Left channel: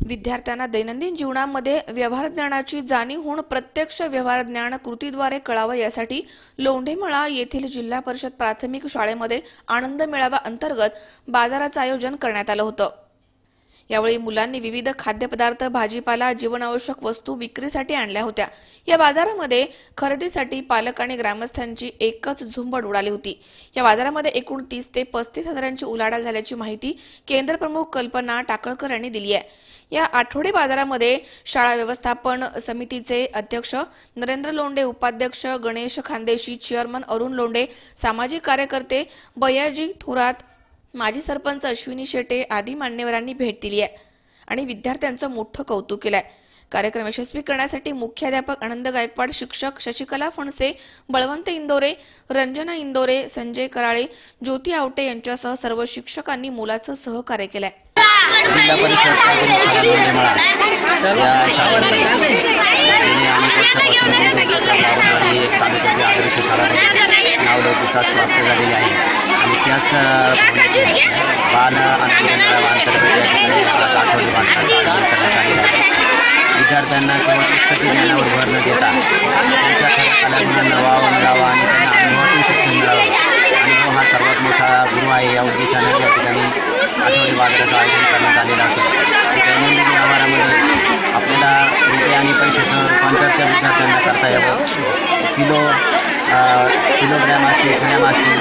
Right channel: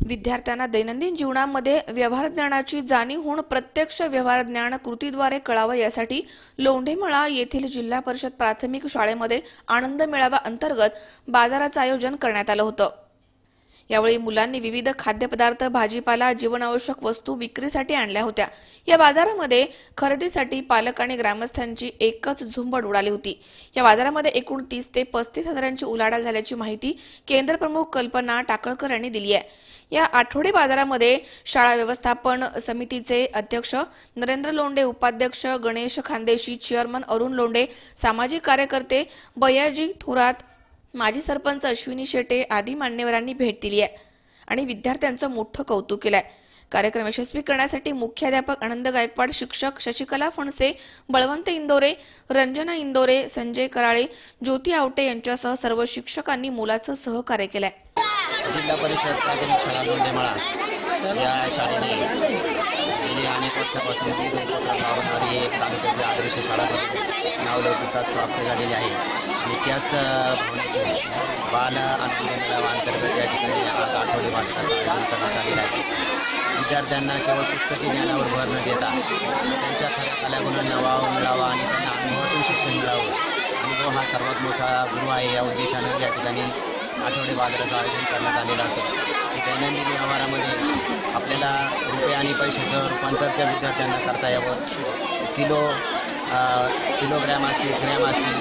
विद्यार्थ्यांना दैनंदिन जीवनामध्ये व्यवहार ज्ञानाची जाणीव होऊन प्रत्यक्ष व्यवहार ज्ञान कृतीद्वारे कळावं यासाठी लोंढेमळा येथील जिल्हा परिषद प्राथमिक शाळेमध्ये आनंद मेळावा अंतर्गत बाजाराचं आयोजन करण्यात आलं होतं. यावेळी मुलांनी विविध खाद्यपदार्थ भाजीपाला जीवनावश्यक वस्तू विक्रीसाठी आणल्या होत्या. या बाजारामध्ये खरेदीसाठी पालक आणि ग्रामस्थांची एकच झुंबड उडाली होती. या बाजारामध्ये एकूण तीस ते पस्तीस हजारांची उलाढाल झाल्याची माहिती केंद्रप्रमुख कल्पना टाकळकर यांनी दिली आहे. या आठवडे बाजारामध्ये शाळा व्यवस्थापन समितीचे अध्यक्ष नरेंद्र लोंडे उपाध्यक्ष गणेश खानदेशी चेअरमन अरुण लोंडे सामाजिक कार्यकर्ते बयाजी थोरात माजी सरपंच अश्विनी शेटे आदी मान्यवरांनी भेट दिली आहे आणि विद्यार्थ्यांचं मोठं कौतुक केलं आहे कार्यक्रम यशस्वी करण्यासाठी मुख्याध्यापक आनंद गायकवाड शिक्षक शशिकला फणसे बळवंत इंदोरे रंजना इंदोरे संजय कराळे ज्योती आवटे यांच्यासह सर्व शिक्षकांनी मोलाचं सहकार्य केलंय. जिल्हा परिषद प्राथमिक शाळा लोंढेमळा या शाळेमध्ये वर्षापासून तालुक्याची आदर्श शाळा म्हणून नावलौकिकास प्राप्त झालेली आहे. आणि त्याच बाल आणि अंतर्गत या ठिकाणी आज आठवडे बांधण्याचं आयोजन करण्यात आलेलं आहे विद्यार्थ्यांना केवळ पुस्तकी ज्ञानावर भर न देता त्यांच्या खऱ्या कलागुणांना वाव मिळावा आणि त्यांना अनुभवातून शिक्षण मिळावं. अनुभव हो, हा सर्वात मोठा गुरु आहे. या उद्देशाने या ठिकाणी आठवडी बाजाराचं आयोजन करण्यात आलेलं असेल दैनंदिन व्यवहारामध्ये आपल्याला रुपये आणि पैशाचं रूपांतर त्या विद्यार्थ्यांना करता यावं. किलो किलोग्रॅम असतील ग्रॅम असतील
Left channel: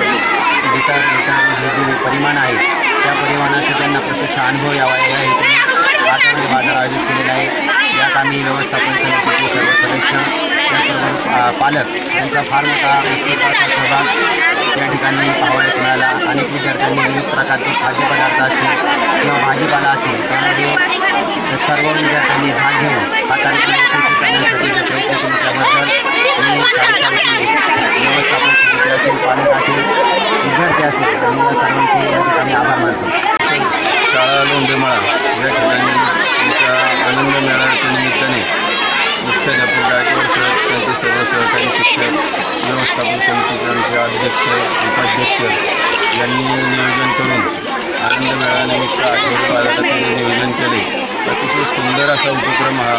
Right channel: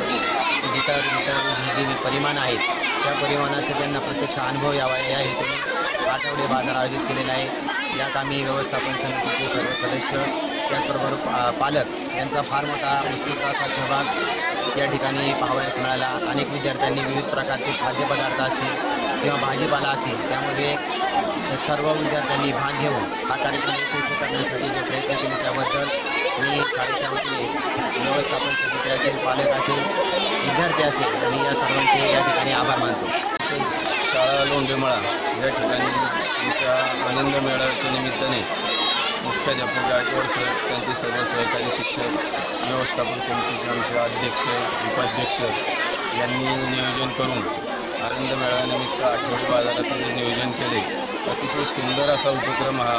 लिटर लिटर हे जे परिमाण आहे त्या परिमाणाचा त्यांना प्रत्यक्ष अनुभव यावा या हेतूने आठवडे बाजार आयोजित केलेला आहे. यात आम्ही व्यवस्थापन समितीचे सर्व सदस्य त्याचबरोबर पालक यांचा फार मोठा उत्स्फूर्त सहभाग या ठिकाणी पाहावयास मिळाला. अनेक विद्यार्थ्यांनी विविध प्रकारचे खाद्यपदार्थ असतील किंवा भाजीपाला असतील त्यामध्ये सर्व विद्यार्थ्यांनी भाग घेऊन हा कार्यक्रम यशस्वी करण्यासाठी जे प्रयत्न केले त्याबद्दल मी कार्यक्रमाची व्यवस्थापन समिती असेल पालक असेल विद्यार्थी असेल आणि या सर्वांचे या ठिकाणी आभार मानतो. शाळा लोंढेमळा या ठिकाणी आमच्या आनंद मेळाव्याच्या निमित्ताने मुख्याध्यापक गायकवाड सर त्यांचे सर्व सहकारी शिक्षक व्यवस्थापन समितीचे आमचे अध्यक्ष उपाध्यक्ष यांनी नियोजन करून आनंद मेळाव्यानिमित्त आठवडी बाजाराचं जे नियोजन केले. अतिशय सुंदर असा उपक्रम हा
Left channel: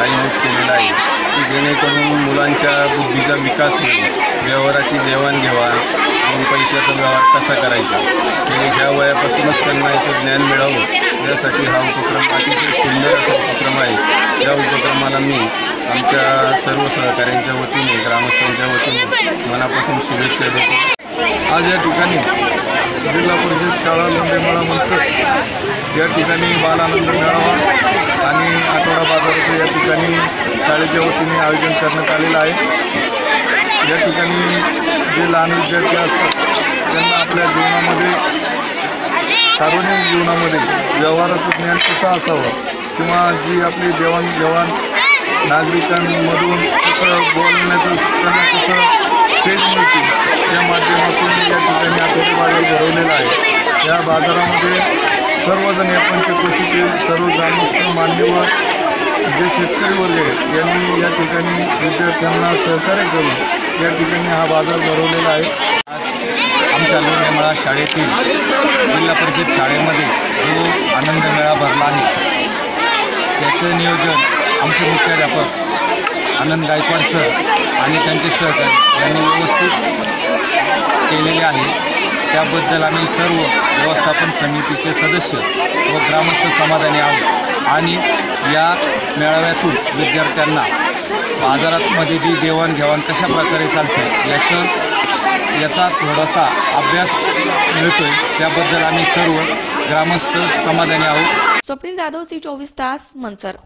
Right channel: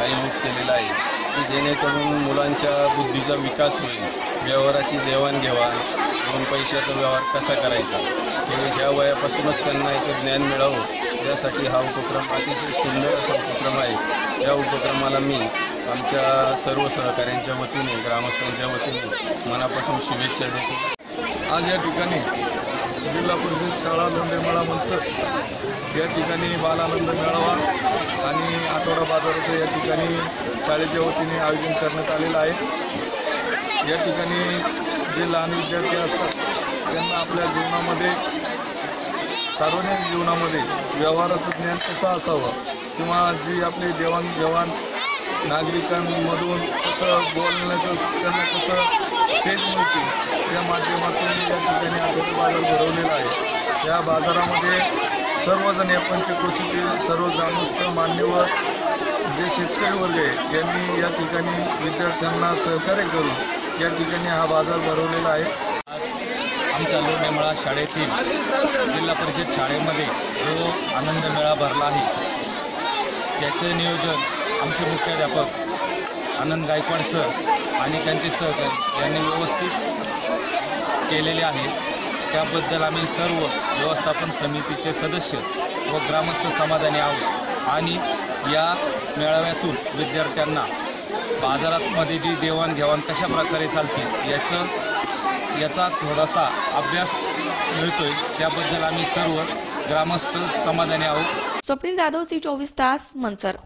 आयोजित केलेला आहे की जेणेकरून मुलांच्या बुद्धीचा विकास होईल. व्यवहाराची देवाणघेवाण आणि पैशाचा व्यवहार कसा करायचा? हे ह्या वयापासूनच त्यांना याचं ज्ञान मिळावं. यासाठी हा उपक्रम अतिशय सुंदर असा उपक्रम आहे. या उपक्रमाला मी आमच्या सर्व सहकाऱ्यांच्या वतीने ग्रामस्थांच्या वतीने मनापासून शुभेच्छा देतो. आज या ठिकाणी जिल्हा परिषद शाळा लोंढेमाळा मनसर या ठिकाणी बालानंद मेळावा आणि आठवडा बाजाराचं या ठिकाणी शाळेच्या वतीने आयोजन करण्यात आलेलं आहे. या ठिकाणी जे लहान विद्यार्थी असतात त्यांना आपल्या जीवनामध्ये सार्वजनिक जीवनामध्ये व्यवहाराचं ज्ञान कसं असावं किंवा जी आपली देवाणघेवाण नागरिकांमधून कसं बोलण्याचं त्यांना कसं पेज मिळते या माध्यमातून या ठिकाणी आठवडी बाजार भरवलेला आहे. या बाजारामध्ये सर्वजण या पंचकोशीतील सर्व ग्रामस्थ मान्यवर जे शेतकरी वर्ग आहेत यांनी या ठिकाणी विद्यार्थ्यांना सहकार्य करून या ठिकाणी हा बाजार भरवलेला आहे. आज आमच्या लोणेमळा शाळेतील जिल्हा परिषद शाळेमध्ये जो आनंद मेळा भरला आहे त्याचं नियोजन आमचे मुख्याध्यापक आनंद गायकवाड सर आणि त्यांचे सहकारी यांनी व्यवस्थित केलेले आहे. त्याबद्दल आम्ही सर्व व्यवस्थापन समितीचे सदस्य व ग्रामस्थ समाधानी आहोत. आणि या मेळाव्यातून विद्यार्थ्यांना बाजारातमध्ये जी देवाणघेवाण कशा प्रकारे चालते याचं याचा थोडासा अभ्यास मिळतोय. त्याबद्दल आम्ही सर्व ग्रामस्थ समाधानी आहोत. स्वप्नील जाधव सी चोवीस तास मनसर